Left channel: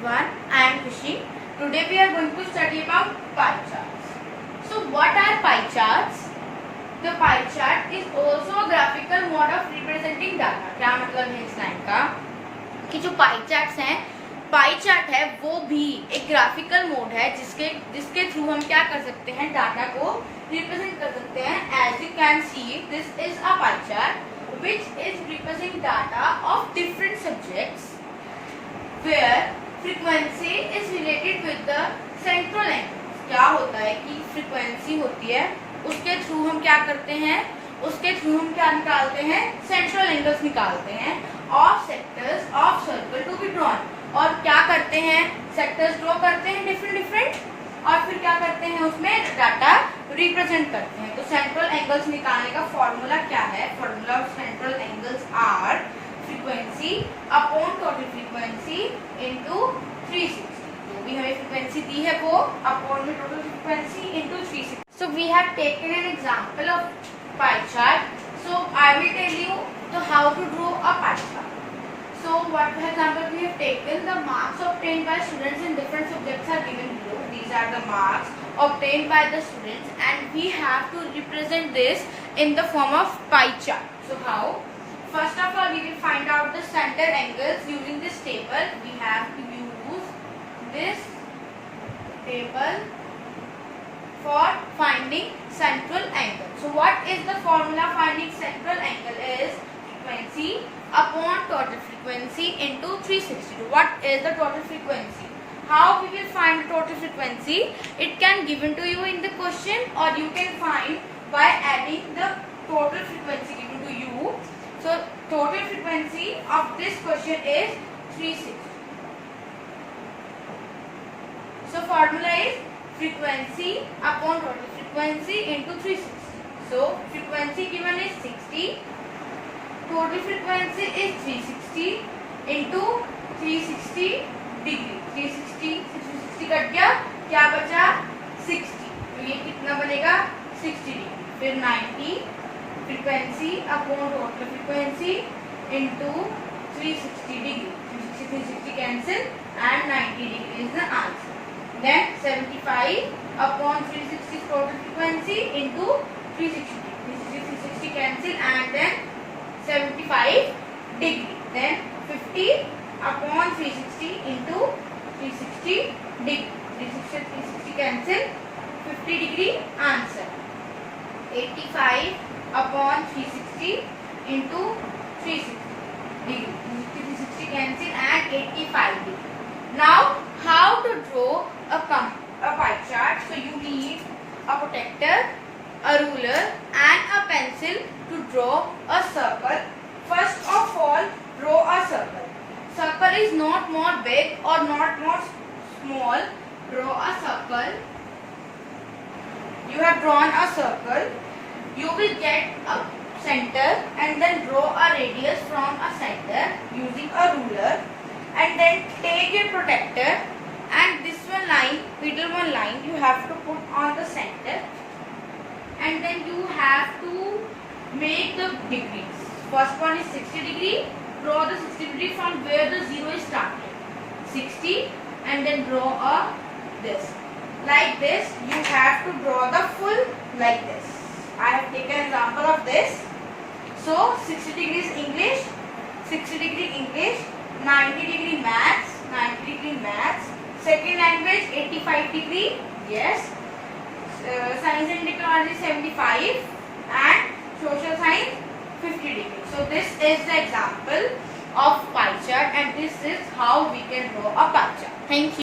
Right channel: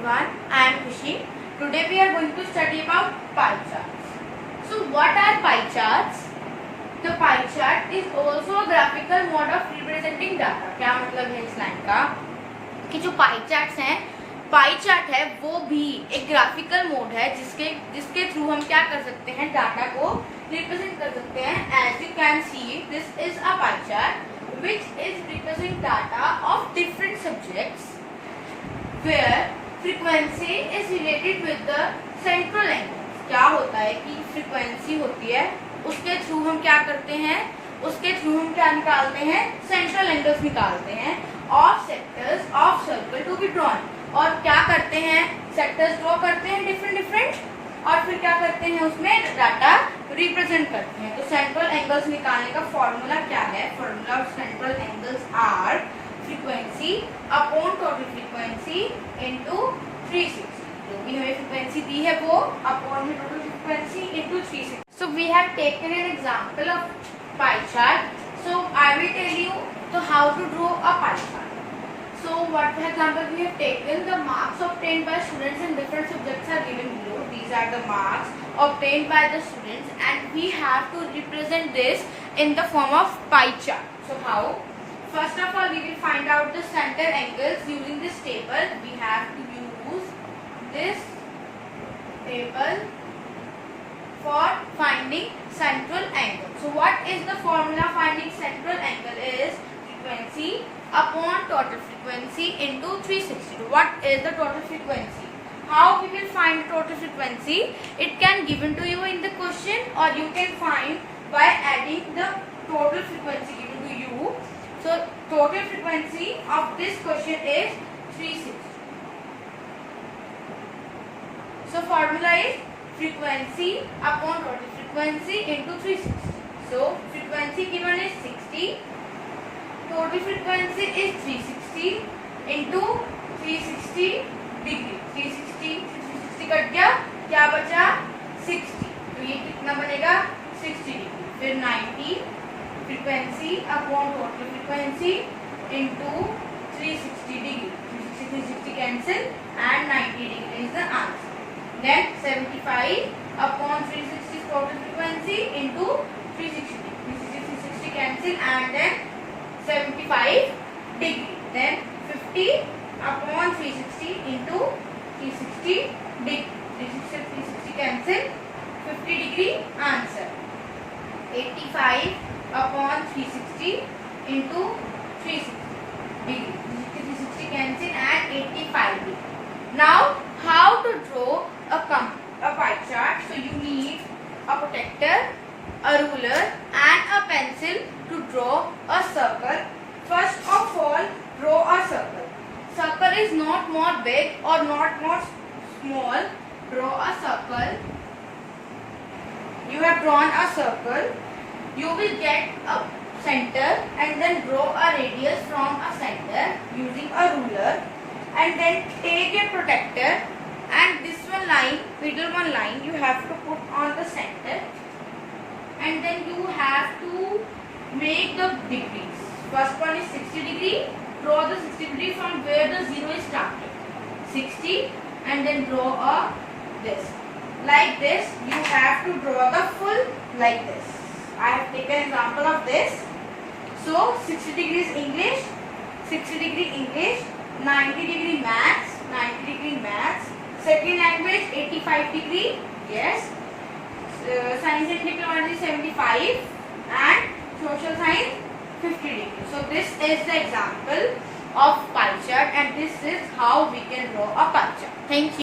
everyone, I am Khushi. Today we are going to study about pie charts. So what are pie charts? The pie chart is also a graphical mode of representing data. क्या मतलब है इस line का कि जो pie charts हैं, pie chart है वो भी एक ग्राफिकल मोड है जिसके थ्रू हम क्या कर सकते हैं, डाटा को रिप्रेजेंट कर सकते हैं. As you can see this is a pie chart which is represent data of different subjects where frequency is related with the central angles. क्या होता है कि फ्रीक्वेंसी होती है, उसके थ्रू हम क्या करते हैं, उसके थ्रू हम क्या निकालते हैं, सेंट्रल एंगल्स निकालते हैं of sectors of circle to be drawn. और क्या करते हैं, सेक्टर्स ड्रॉ करते हैं डिफरेंट और फिर क्या करते हैं, उसमें डाटा रिप्रेजेंट करते हैं. तो सेंट्रल एंगल्स निकालने का फॉर्मूला क्या है? Formula of central angles are frequency upon total frequency into 360. जो भी हमें फ्रीक्वेंसी दी है वो अपॉन में total frequency into 360. So we have taken an example of pie chart. So I will tell you तो how to draw a pie chart. So what for example we have taken the marks obtained by students in different subjects are given below. These are the marks obtained by the students and we have to represent this in the form of pie chart. So how? First of all, we will find out the center angles using this table. We have to use this table for finding central angle. So what is the formula finding central angle? Is frequency upon total frequency into 360. What is the total frequency? How we will find the total frequency? It can given to you in the question or you can find by adding the total frequency given to you. So total frequency of this question is 360. So formula is frequency upon total frequency into 360. So frequency given is 60. Total frequency is 360 into 360 degree. 360 cut गया, क्या बचा 60. तो ये कितना बनेगा 60 degree. फिर 90 frequency upon total frequency into 360 degree. 360 cancel and 90 degree is the answer. Then 75 upon 360 total frequency into 360. 360 cancel and then 75 degree. Then 50 upon 360 into 360 degree. 360 cancel, 50 degree answer. 85 upon 360 into 360 degree. 360 cancel and 85 degree. Now how to draw a pie chart? So you need a protector, a ruler and a pencil to draw a circle. First of all, draw a circle. Circle is not more big or not more small. Draw a circle. You have drawn a circle. You will get a center and then draw a radius from a center using a ruler and then take a protector and this one line, middle one line you have to put on the center and then you have to make the degrees. First one is 60 degree. Draw the 60 degree from where the 0 is started. 60 and then draw a this. Like this you have to draw the full like this. I have taken example of this. So 60 degrees English, 60 degree English, 90 degree maths, 90 degree maths, second language 85 degree, yes, science and technology 75 and social science 50 degree. So this is the example of pie chart and this is how we can draw a pie chart. Thank you.